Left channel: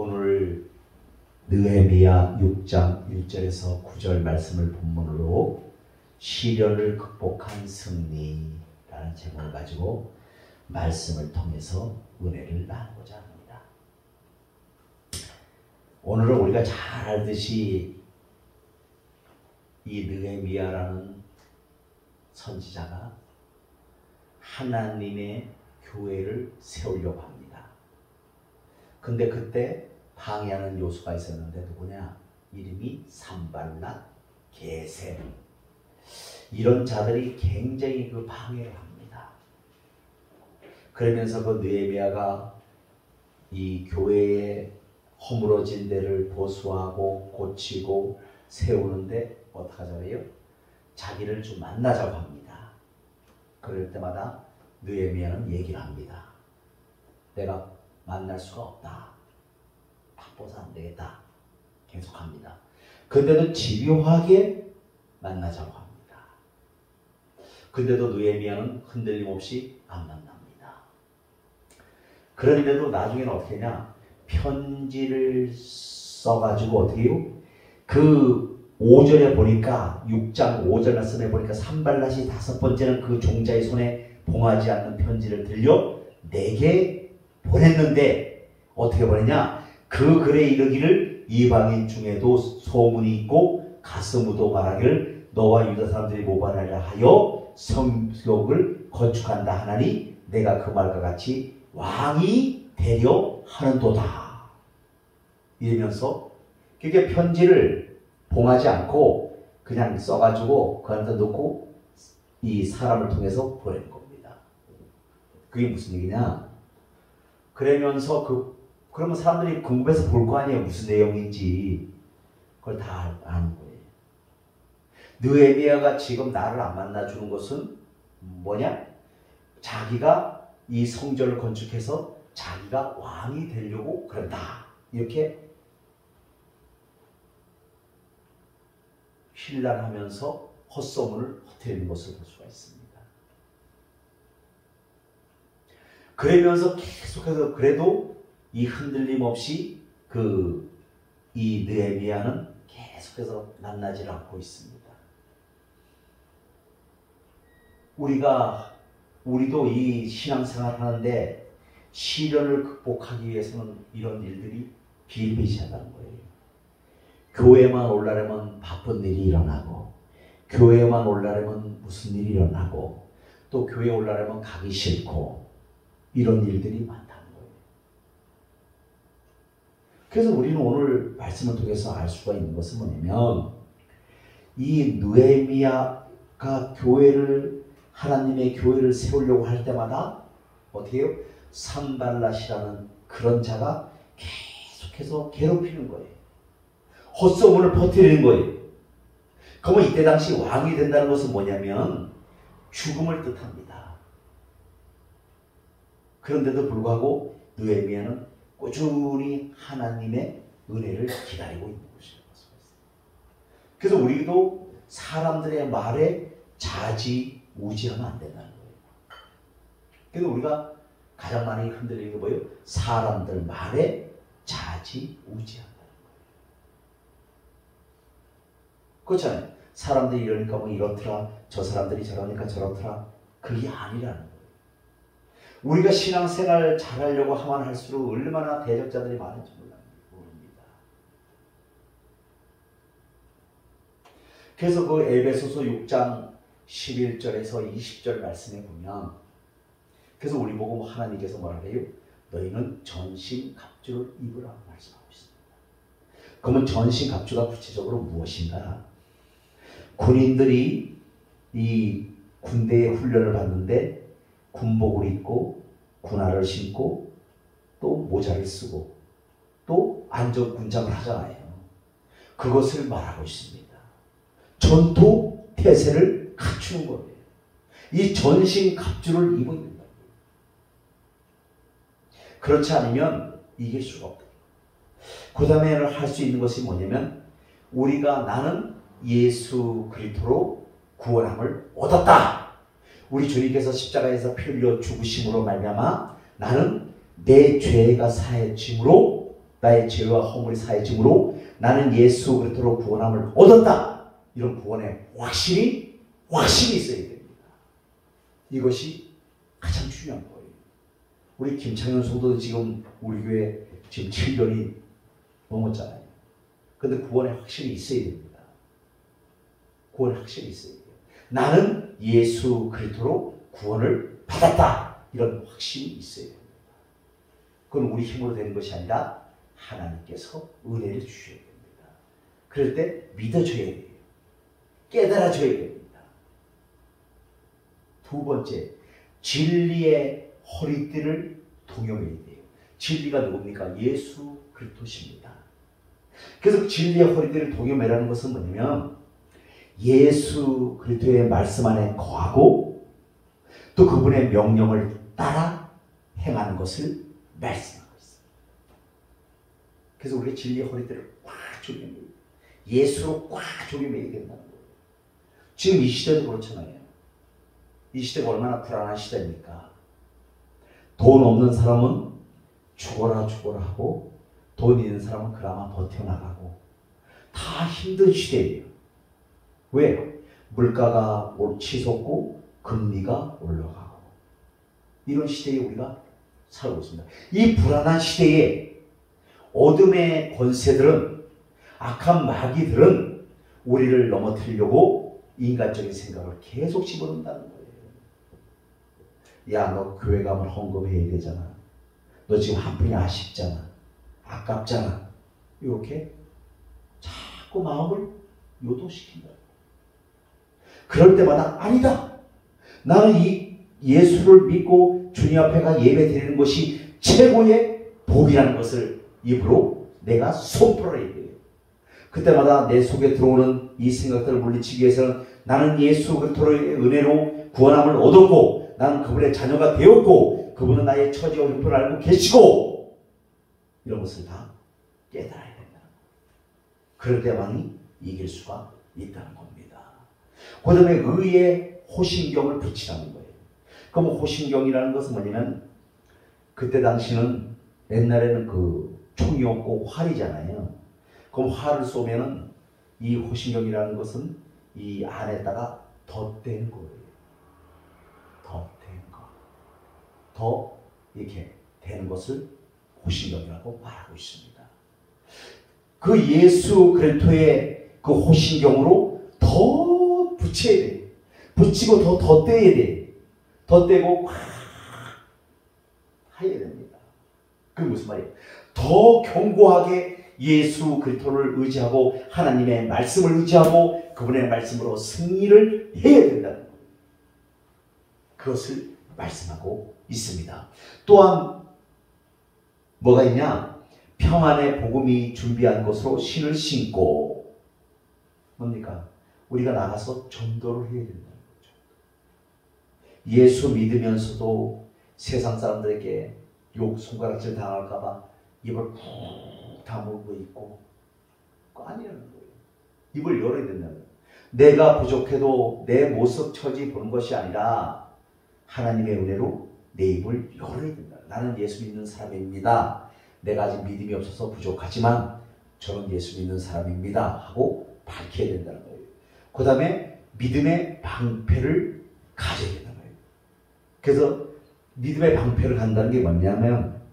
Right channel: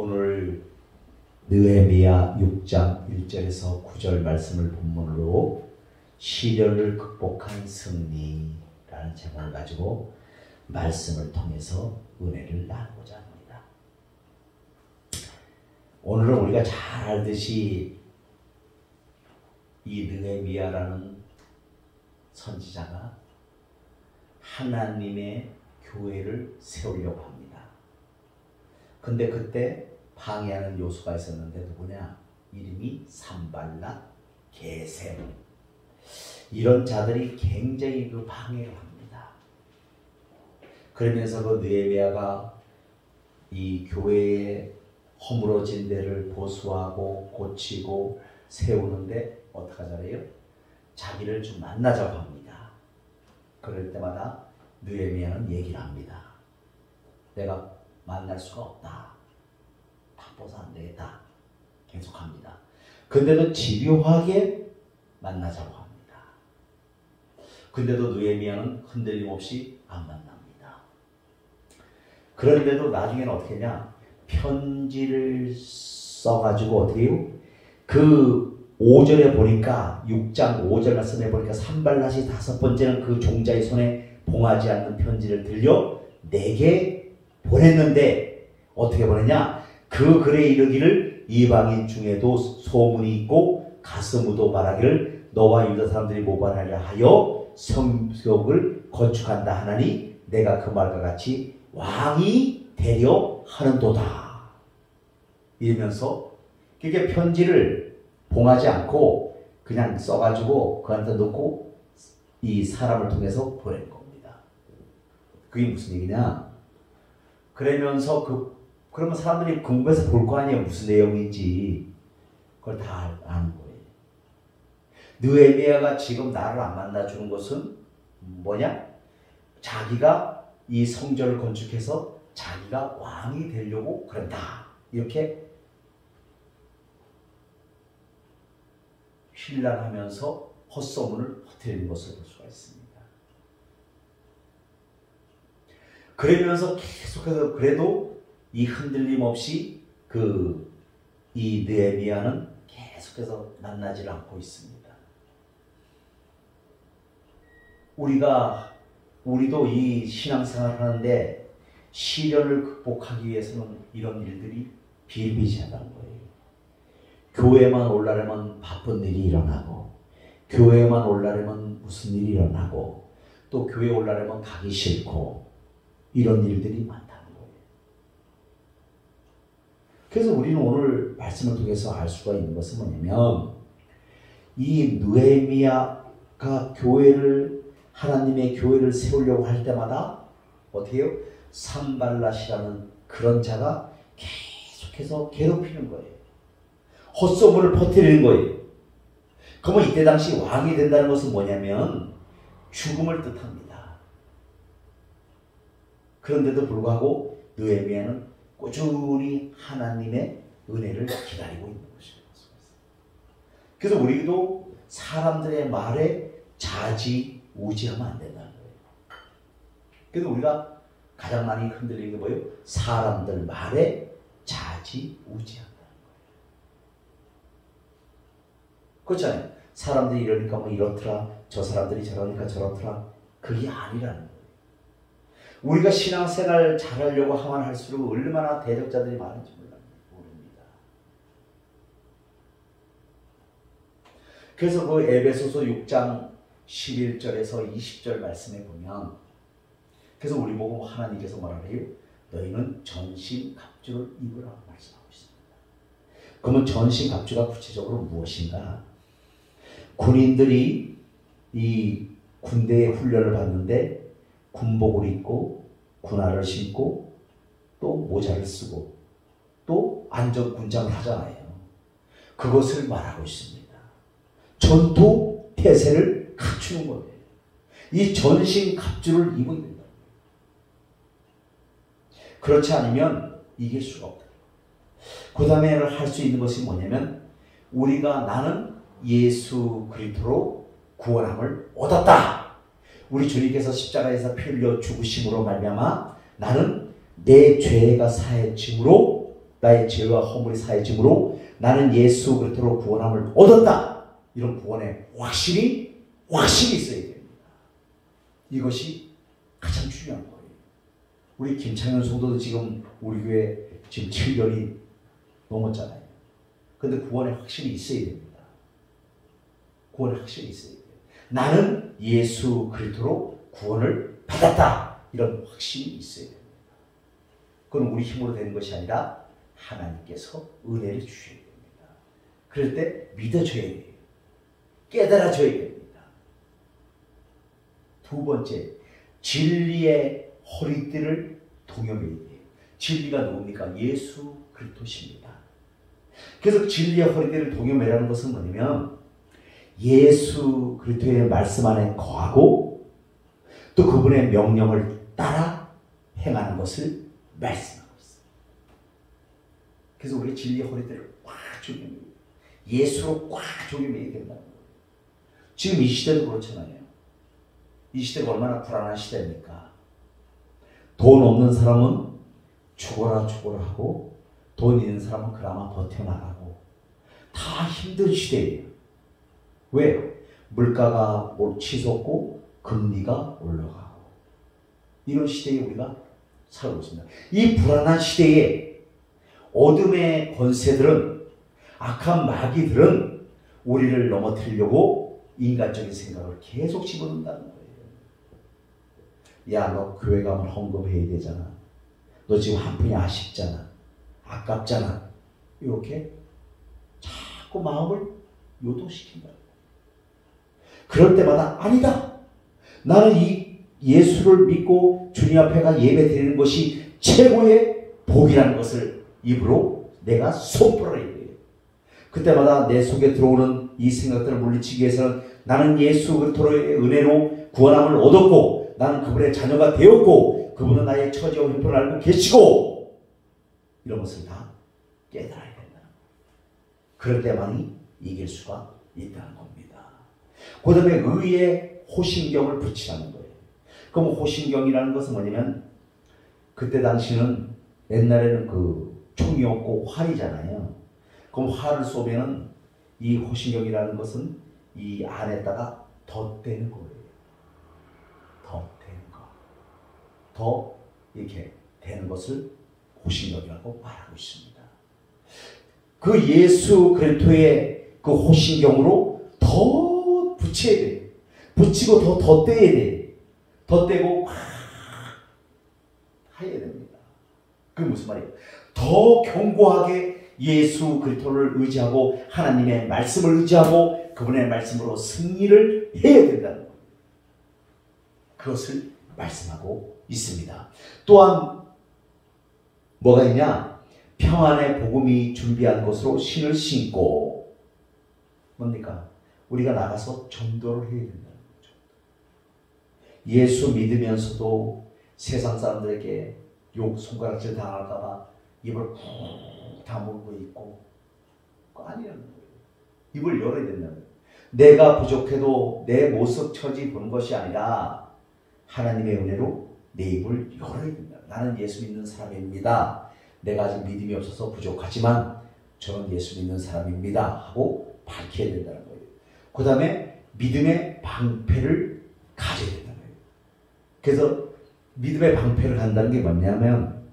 오늘 느헤미야 6장 1절에서 9절 말씀을 본문으로 시련을 극복한 승리라는 제목을 가지고 말씀을 통해서 은혜를 나누고자 합니다. 오늘은 우리가 잘 알듯이 이 느헤미야라는 선지자가 하나님의 교회를 세우려고 합니다. 근데 그때 방해하는 요소가 있었는데 누구냐? 이름이 산발랏, 게셈. 이런 자들이 굉장히 그 방해를 합니다. 그러면서 그 느헤미야가 이 교회의 허물어진 데를 보수하고 고치고 세우는데 어떻게 하잖아요? 자기를 좀 만나자고 합니다. 그럴 때마다 느헤미야는 얘기를 합니다. 내가 만날 수가 없다. 바빠서 안 되겠다. 계속합니다. 근데도 집요하게 만나자고 합니다. 근데도 느헤미야는 흔들림 없이 안 만납니다. 그런데도 나중에는 어떻게 했냐? 편지를 써가지고 어떻게 해요? 그 5절에 보니까 6장 5절 말씀에 보니까 산발랏이 다섯 번째는 그 종자의 손에 봉하지 않는 편지를 들려 내게 보냈는데 어떻게 보냈냐? 그 글에 이르기를 이방인 중에도 소문이 있고 가스무도 말하기를 너와 유다 사람들이 모반하려 하여 성벽을 건축한다 하나니 내가 그 말과 같이 왕이 되려 하는도다. 이러면서 그게 편지를 봉하지 않고 그냥 써가지고 그 안에 넣고 이 사람을 통해서 보낸 겁니다. 그게 무슨 얘기냐? 그러면서 그러면 사람들이 궁금해서 볼 거 아니에요. 무슨 내용인지. 그걸 다 아는 거예요. 느헤미야가 지금 나를 안 만나주는 것은 뭐냐? 자기가 이 성전을 건축해서 자기가 왕이 되려고 그런다. 이렇게 힐난하면서 헛소문을 퍼뜨리는 것을 볼 수가 있습니다. 그러면서 계속해서 그래도 이 흔들림 없이 이 느헤미야는 계속해서 만나질 않고 있습니다. 우리도 이 신앙생활 하는데 시련을 극복하기 위해서는 이런 일들이 비일비재하다는 거예요. 교회만 올라려면 바쁜 일이 일어나고, 교회만 올라려면 무슨 일이 일어나고, 또 교회 올라려면 가기 싫고, 이런 일들이 많다는 거예요. 그래서 우리는 오늘 말씀을 통해서 알 수가 있는 것은 뭐냐면 이 느헤미야가 하나님의 교회를 세우려고 할 때마다 어떻게 해요? 산발랏이라는 그런 자가 계속해서 괴롭히는 거예요. 헛소문을 퍼뜨리는 거예요. 그러면 이때 당시 왕이 된다는 것은 뭐냐면 죽음을 뜻합니다. 그런데도 불구하고 느헤미야는 꾸준히 하나님의 은혜를 기다리고 있는 것입니다. 그래서 우리도 사람들의 말에 좌지우지하면 안 된다는 거예요. 그래서 우리가 가장 많이 흔들리는 게 뭐예요? 사람들 말에 좌지우지한다는 거예요. 그렇잖아요. 사람들이 이러니까 뭐 이렇더라, 저 사람들이 저러니까 저렇더라. 그게 아니라는 거예요. 우리가 신앙생활을 잘하려고 하면 할수록 얼마나 대적자들이 많은지 모릅니다. 그래서 그 에베소서 6장 11절에서 20절 말씀에 보면 그래서 우리 보고 하나님께서 뭐라 그래요? 너희는 전신갑주를 입으라고 말씀하고 있습니다. 그러면 전신갑주가 구체적으로 무엇인가? 군인들이 이 군대의 훈련을 받는데 군복을 입고 군화를 신고 또 모자를 쓰고 또 안전군장을 하잖아요. 그것을 말하고 있습니다. 전투 태세를 갖추는 거예요. 이 전신갑주를 입어야 된다. 그렇지 않으면 이길 수가 없다. 그 다음에 할 수 있는 것이 뭐냐면 나는 예수 그리스도로 구원함을 얻었다. 우리 주님께서 십자가에서 피 흘려 죽으심으로 말미암아 나는 내 죄가 사해짐으로 나의 죄와 허물이 사해짐으로 나는 예수 그리스도로 구원함을 얻었다. 이런 구원에 확실히 있어야 됩니다. 이것이 가장 중요한 거예요. 우리 김창현 성도도 지금 우리 교회 지금 7년이 넘었잖아요. 근데 구원에 확실히 있어야 됩니다. 구원에 확실히 있어야 돼요. 나는 예수 그리스도로 구원을 받았다. 이런 확신이 있어야 됩니다. 그건 우리 힘으로 되는 것이 아니라 하나님께서 은혜를 주셔야 됩니다. 그럴 때 믿어줘야 돼요. 깨달아줘야 됩니다. 두 번째, 진리의 허리띠를 동여매야 돼요. 진리가 누굽니까? 예수 그리스도십니다. 그래서 진리의 허리띠를 동여매라는 것은 뭐냐면 예수 그리스도의 말씀 안에 거하고 또 그분의 명령을 따라 행하는 것을 말씀하고 있습니다. 그래서 우리가 진리의 허리띠를 꽉 조여매야 돼요. 예수로 꽉 조여매야 된다는 거예요. 지금 이 시대도 그렇잖아요. 이 시대가 얼마나 불안한 시대입니까? 돈 없는 사람은 죽어라 하고 돈 있는 사람은 그나마 버텨나가고 다 힘든 시대예요. 왜? 물가가 치솟고 금리가 올라가고 이런 시대에 우리가 살고 있습니다. 이 불안한 시대에 어둠의 권세들은 악한 마귀들은 우리를 넘어뜨리려고 인간적인 생각을 계속 집어넣는다는 거예요. 야, 너 교회 가면 헌금해야 되잖아. 너 지금 한 푼이 아쉽잖아. 아깝잖아. 이렇게 자꾸 마음을 요도시킨다. 그럴 때마다 아니다. 나는 이 예수를 믿고 주님 앞에 가 예배 드리는 것이 최고의 복이라는 것을 입으로 내가 선포를 해야 돼요. 그때마다 내 속에 들어오는 이 생각들을 물리치기 위해서는 나는 예수 그리스도의 은혜로 구원함을 얻었고 나는 그분의 자녀가 되었고 그분은 나의 처지와 형편을 알고 계시고 이런 것을 다 깨달아야 된다. 그럴 때만이 이길 수가 있다는 겁니다. 그 다음에 의의 호심경을 붙이라는 거예요. 그럼 호심경이라는 것은 뭐냐면 그때 당시는 옛날에는 그 총이 없고 활이잖아요. 그럼 활을 쏘면은 이 호심경이라는 것은 이 안에다가 덧대는 거예요. 덧대는 거. 더 이렇게 되는 것을 호심경이라고 말하고 있습니다. 그 예수 그리스도의 그 호심경으로 더 붙여야 돼요. 붙이고 더 덧대야 돼요. 덧대고 막 해야 됩니다. 그게 무슨 말이에요? 더 견고하게 예수 그리스도를 의지하고 하나님의 말씀을 의지하고 그분의 말씀으로 승리를 해야 된다는 거예요. 그것을 말씀하고 있습니다. 또한 뭐가 있냐? 평안의 복음이 준비한 것으로 신을 신고 뭡니까? 우리가 나가서 전도를 해야 된다는 거죠. 예수 믿으면서도 세상 사람들에게 욕, 손가락질 당할까 봐 입을 꾹 다물고 있고 그거 아니라는 거예요. 입을 열어야 된다는 거예요. 내가 부족해도 내 모습 처지 보는 것이 아니라 하나님의 은혜로 내 입을 열어야 된다. 나는 예수 믿는 사람입니다. 내가 아직 믿음이 없어서 부족하지만 저는 예수 믿는 사람입니다 하고 밝혀야 된다는 거예요. 그 다음에 믿음의 방패를 가져야 된다는 거예요. 그래서 믿음의 방패를 간다는 게 뭐냐면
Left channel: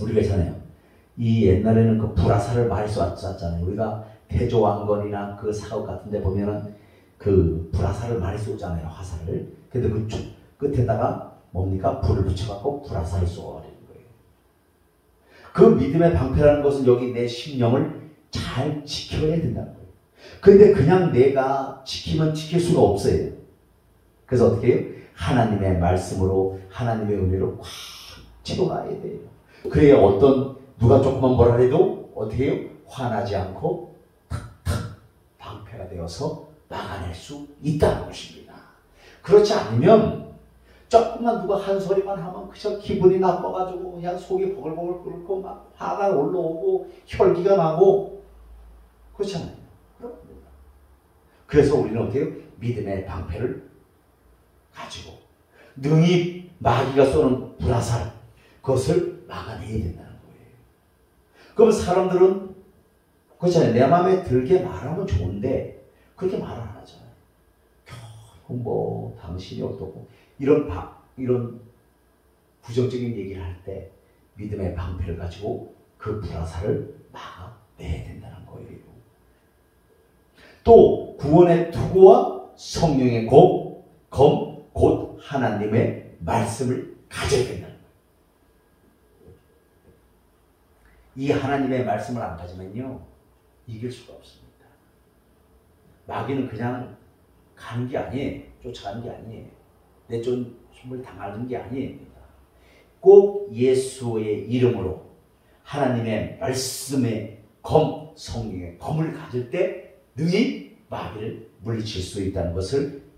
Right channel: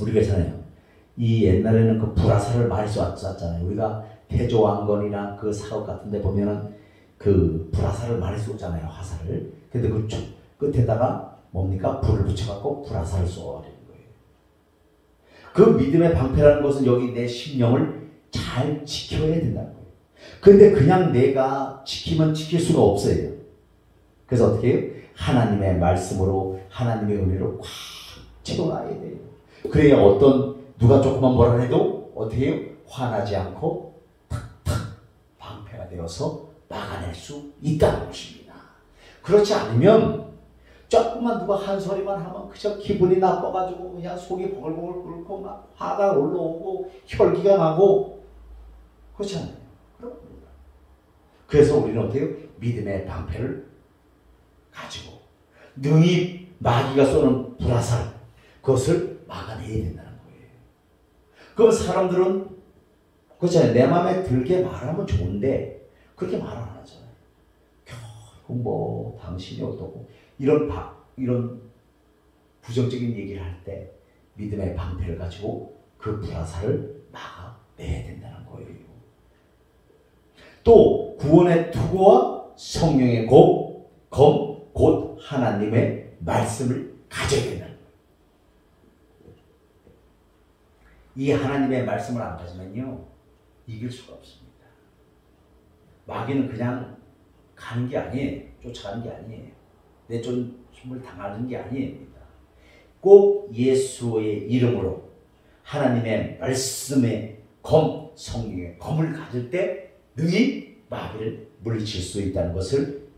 우리가 있잖아요. 이 옛날에는 그 불화살을 많이 쐈잖아요. 우리가 태조왕건이나 그 사업 같은 데 보면은 그 불화살을 많이 쏘잖아요. 화살을. 근데 그 끝에다가 뭡니까? 불을 붙여갖고 불화살을 쏘아버리는 거예요. 그 믿음의 방패라는 것은 여기 내 심령을 잘 지켜야 된다는 거예요. 근데 그냥 내가 지키면 지킬 수가 없어요. 그래서 어떻게 해요? 하나님의 말씀으로 하나님의 은혜로 꽉 채워놔야 돼요. 그래야 누가 조금만 뭐라 해도 어떻게 해요? 화나지 않고 탁탁 방패가 되어서 막아낼 수 있다는 것입니다. 그렇지 않으면 조금만 누가 한 소리만 하면 그저 기분이 나빠가지고 그냥 속이 보글보글 끓고 막 화가 올라오고 혈기가 나고 그렇잖아요. 그래서 우리는 어떻게 해요? 믿음의 방패를 가지고 능히 마귀가 쏘는 불화살 그것을 막아내야 된다는 거예요. 그럼 사람들은 그렇잖아요. 내 마음에 들게 말하면 좋은데 그렇게 말 안 하잖아요. 결국 뭐 당신이 어떻고 이런 부정적인 얘기를 할 때 믿음의 방패를 가지고 그 불화살을 막아내야 된다는 거예요. 또 구원의 투구와 성령의 검, 곧 하나님의 말씀을 가져야 된다는 거예요. 이 하나님의 말씀을 안 가지면요 이길 수가 없습니다. 마귀는 그냥 가는 게 아니에요. 쫓아가는 게 아니에요. 내쫓음을 당하는 게 아니에요. 꼭 예수의 이름으로 하나님의 말씀의 성령의 검을 가질 때 능히 마귀를 물리칠 수 있다는 것을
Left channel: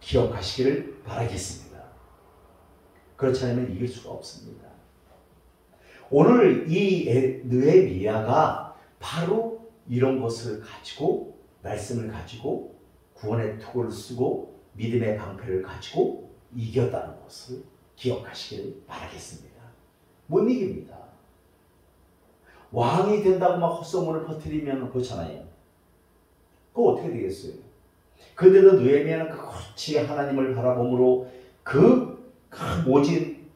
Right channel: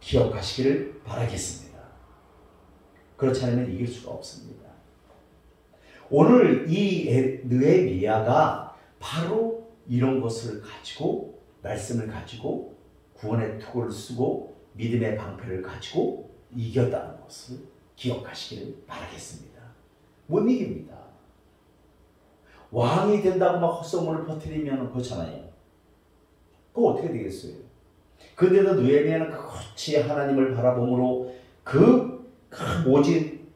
기억하시기를 바라겠습니다. 그렇지 않으면 이길 수가 없습니다. 오늘 이 느헤미야가 바로 이런 것을 가지고 말씀을 가지고 구원의 투구를 쓰고 믿음의 방패를 가지고 이겼다는 것을 기억하시기를 바라겠습니다. 못 이깁니다. 왕이 된다고 막 헛소문을 퍼뜨리면 그렇잖아요. 그거 어떻게 되겠어요? 그런데도 느헤미야는 그렇지 하나님을 바라봄으로 오직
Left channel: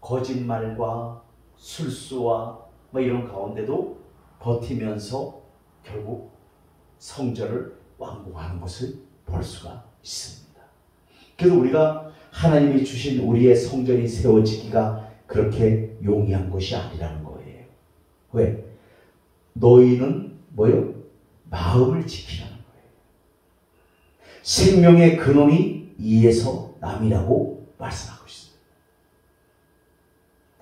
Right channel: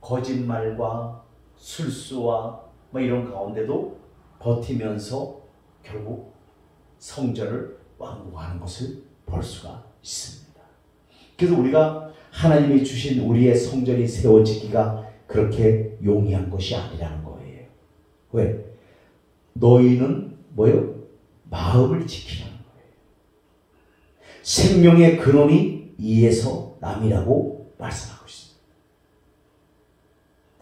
거짓말과 술수와 뭐 이런 가운데도 버티면서 결국 성전을 완공하는 것을 볼 수가 있습니다. 그래서 우리가 하나님이 주신 우리의 성전이 세워지기가 그렇게 용이한 것이 아니라는 거예요. 왜? 너희는 뭐요? 마음을 지키라는 거예요. 생명의 근원이 이에서 남이라고 말씀하고 있습니다.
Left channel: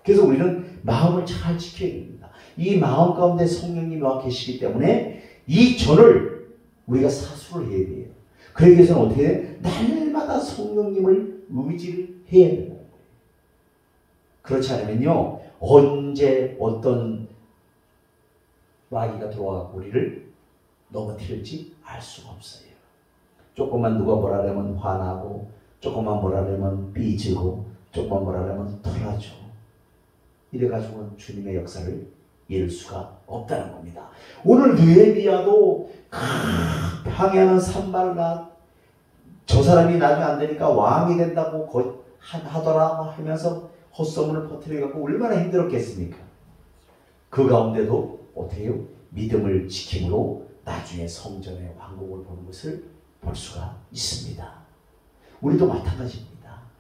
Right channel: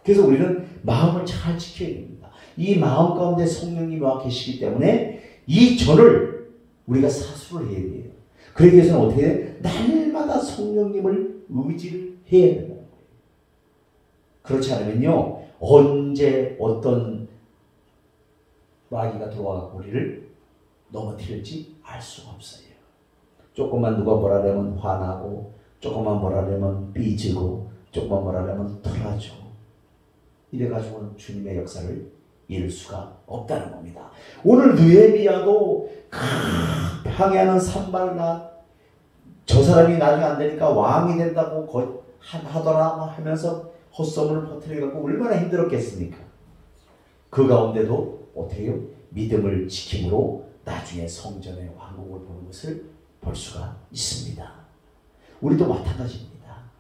그래서 우리는 마음을 잘 지켜야 됩니다. 이 마음 가운데 성령님이 와 계시기 때문에 이 전을 우리가 사수를 해야 돼요. 그러기 위해서는 어떻게 해요? 날마다 성령님을 의지를 해야 된다는 거예요. 그렇지 않으면요 언제 어떤 마귀가 들어와서 우리를 넘어뜨릴지 알 수가 없어요. 조금만 누가 뭐라 하면 화나고, 조금만 뭐라 하면 삐지고, 조금만 뭐라 하면 털어줘. 이래가지고는 주님의 역사를 이룰 수가 없다는 겁니다. 오늘 느헤미야도 방해하는 산발락, 저 사람이 나중에 안 되니까 왕이 된다고 하더라 하면서 헛소문을 퍼뜨려갖고 얼마나 힘들었겠습니까? 그 가운데도 어떻게 해요? 믿음을 지킴으로 나중에 성전의 왕국을 보는 것을 볼 수가 있습니다. 우리도 마찬가지입니다.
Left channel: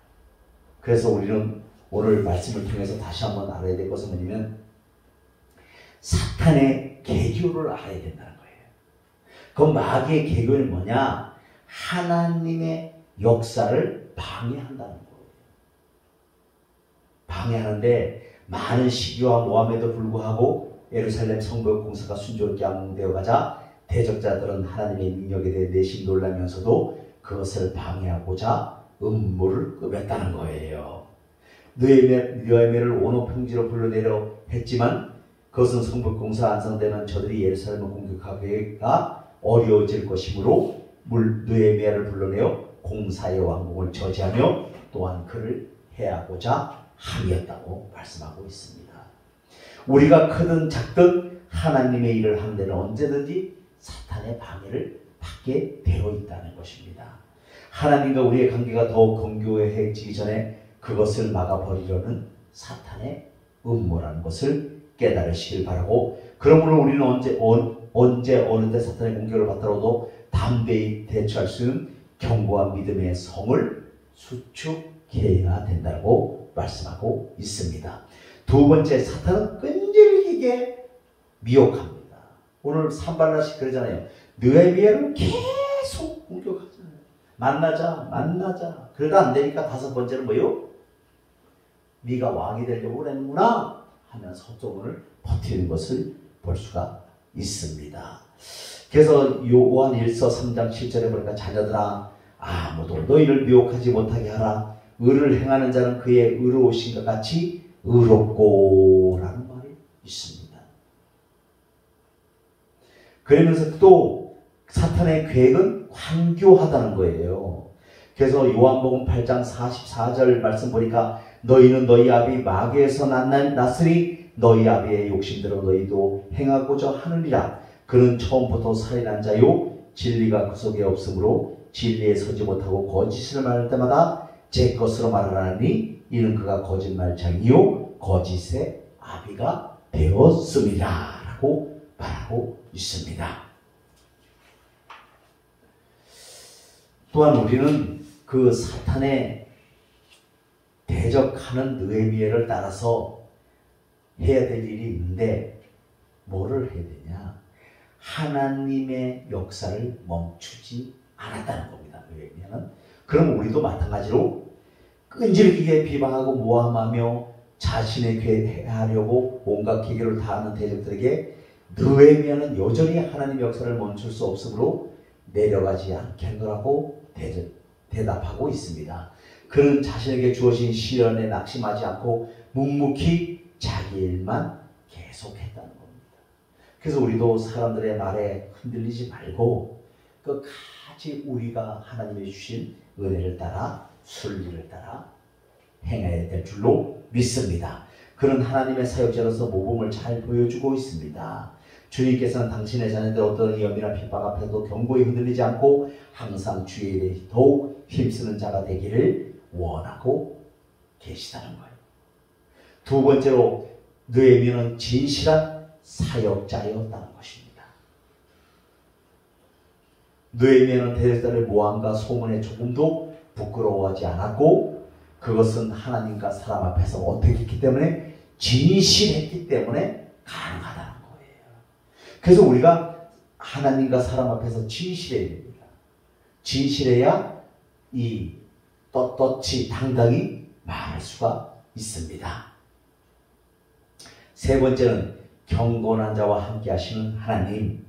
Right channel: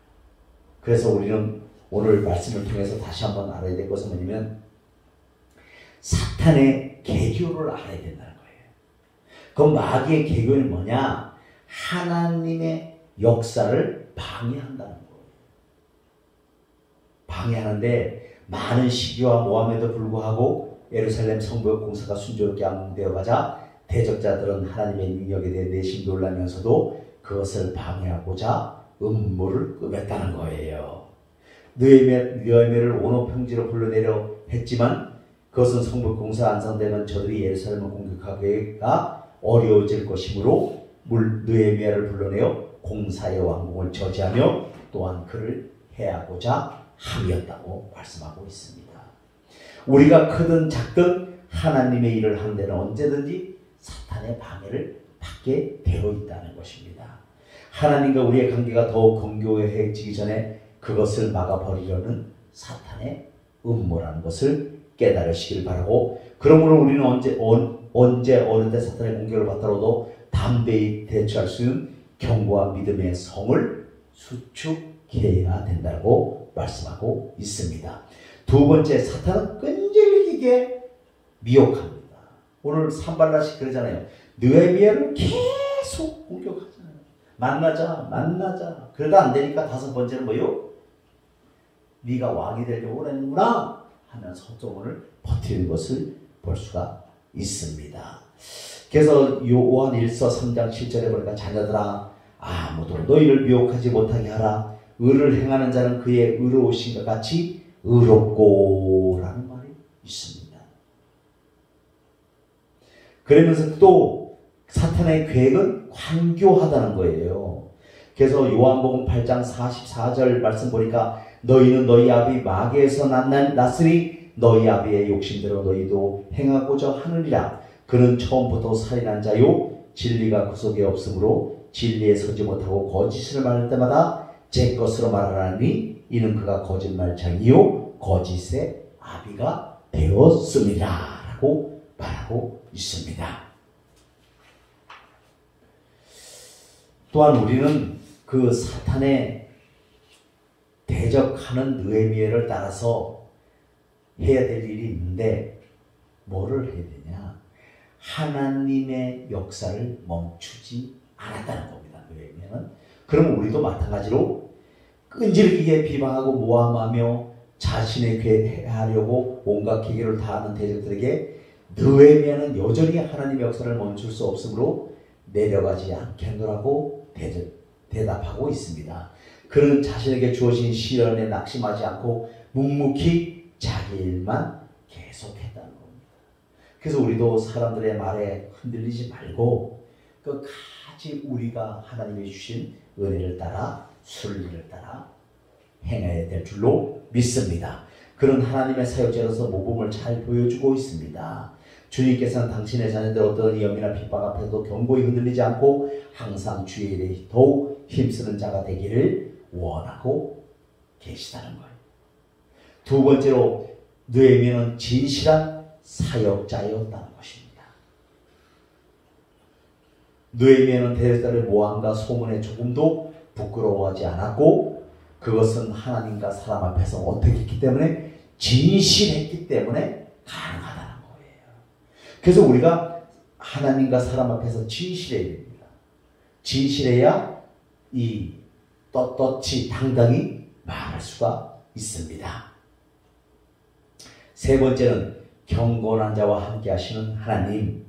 그래서 우리는 오늘 말씀을 통해서 다시 한번 알아야 될 것은 뭐냐면 사탄의 계교를 알아야 된다는 거예요. 그 마귀의 계교는 뭐냐? 하나님의 역사를 방해한다는 거예요. 방해하는데 많은 시기와 모함에도 불구하고 예루살렘 성벽 공사가 순조롭게 완공되어 가자 대적자들은 하나님의 능력에 대해 내심 놀라면서도 그것을 방해하고자 음모를 꾸몄다는 거예요. 느헤미야를 온오평지로 불러내려 했지만 그것은 성벽 공사 완성되면 저들이 예루살렘을 공격하기가 어려워질 것이므로 느헤미야를 불러내어 공사의 완공을 저지하며 또한 그를 해하고자 함이었다고 말씀하고 있습니다. 우리가 크든 작든 하나님의 일을 하는 데는 언제든지 사탄의 방해를 받게 되어 있다는 것입니다. 하나님과 우리의 관계가 더욱 건교해지기 전에 그것을 막아버리려는 사탄의 음모라는 것을 깨달으시길 바라고, 그러므로 우리는 언제 어느 때 사탄의 공격을 받더라도 담대히 대처할 수 있는 견고한 믿음의 성을 수축해야 된다고 말씀하고 있습니다. 두 번째, 사탄은 끈질기게 미혹합니다. 오늘 산발라식 그러잖아요. 느헤미야를 계속 공격하잖아요. 만나자. 그러다 안 되니까 다섯 번째는 뭐요? 네가 왕이 되려고 그랬는구나 하면서 헛소문을 버티는 것을 볼 수가 있습니다. 그래서 요한 1서 3장 7절에 보니까 자녀들아 아무도 너희를 미혹하지 못하게 하라. 의를 행하는 자는 그의 의로우신 것 같이 의롭고 라는 말이 있습니다. 그러면서 또 사탄의 계획은 관교하다는 거예요. 그래서 요한복음 8장 44절 말씀 보니까 너희는 너희 아비 마귀에서 났으니 너희 아비의 욕심대로 너희도 행하고자 하느니라. 그는 처음부터 살인한 자요 진리가 그 속에 없으므로 진리에 서지 못하고 거짓을 말할 때마다 제 것으로 말하니 이는 그가 거짓말장이요 거짓의 아비가 되었습니다 라고 말하고 있습니다. 또한 우리는 그 사탄에 대적하는 느헤미야를 따라서 해야 될 일이 있는데 뭐를 해야 되냐? 하나님의 역사를 멈추지 않았다는 겁니다. 느헤미야는. 그럼 우리도 마찬가지로 끈질기게 비방하고 모함하며 자신의 괴하려고 온갖 계계를 다하는 대적들에게 느헤미야는 여전히 하나님의 역사를 멈출 수 없으므로 내려가지 않겠노라고 대답하고 있습니다. 그는 자신에게 주어진 시련에 낙심하지 않고 묵묵히 자기 일만 계속했다는 겁니다. 그래서 우리도 사람들의 말에 흔들리지 말고 끝까지 우리가 하나님이 주신 은혜를 따라 순리를 따라 행해야 될 줄로 믿습니다. 그런 하나님의 사역자로서 모범을 잘 보여주고 있습니다. 주님께서는 당신의 자녀들 어떤 위험이나 핍박 앞에도 견고히 흔들리지 않고 항상 주의 일에 더욱 힘쓰는 자가 되기를 원하고 계시다는 거예요. 두 번째로 느헤미야는 진실한 사역자였다는 것입니다. 느헤미야는 대적들의 모함과 소문에 조금도 부끄러워하지 않았고 그것은 하나님과 사람 앞에서 어떻게 했기 때문에 진실했기 때문에 가능하다는 거예요. 그래서 우리가 하나님과 사람 앞에서 진실해야 됩니다. 진실해야 이 떳떳이 당당히 말할 수가 있습니다. 세 번째는 경건한 자와 함께 하시는 하나님.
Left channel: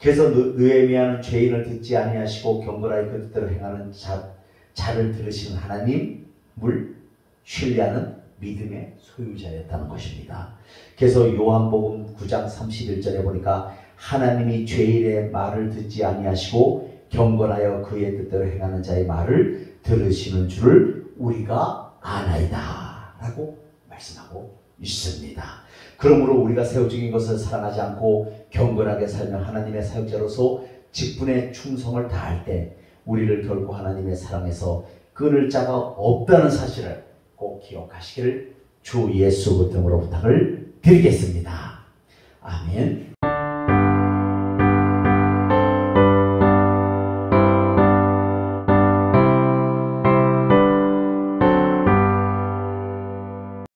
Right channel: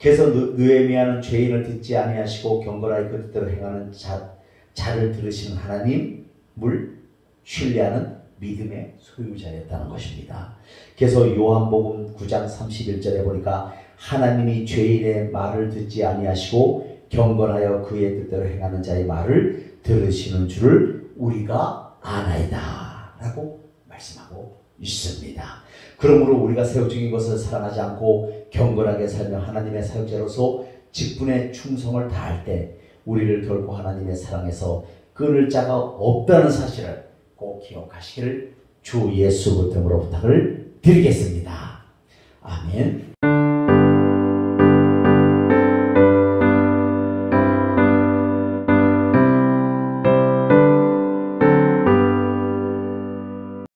그래서 느헤미야는 죄인을 듣지 아니하시고 경건하게 그 뜻대로 행하는 자를 들으시는 하나님을 신뢰하는 믿음의 소유자였다는 것입니다. 그래서 요한복음 9장 31절에 보니까 하나님이 죄인의 말을 듣지 아니하시고 경건하여 그의 뜻대로 행하는 자의 말을 들으시는 줄을 우리가 아나이다 라고 말씀하고 있습니다. 그러므로 우리가 세워진 것을 사랑하지 않고 경건하게 살며 하나님의 사역자로서 직분에 충성을 다할 때 우리를 결코 하나님의 사랑에서 끊을 자가 없다는 사실을 꼭 기억하시기를 주 예수 그리스도로 부탁을 드리겠습니다. 아멘.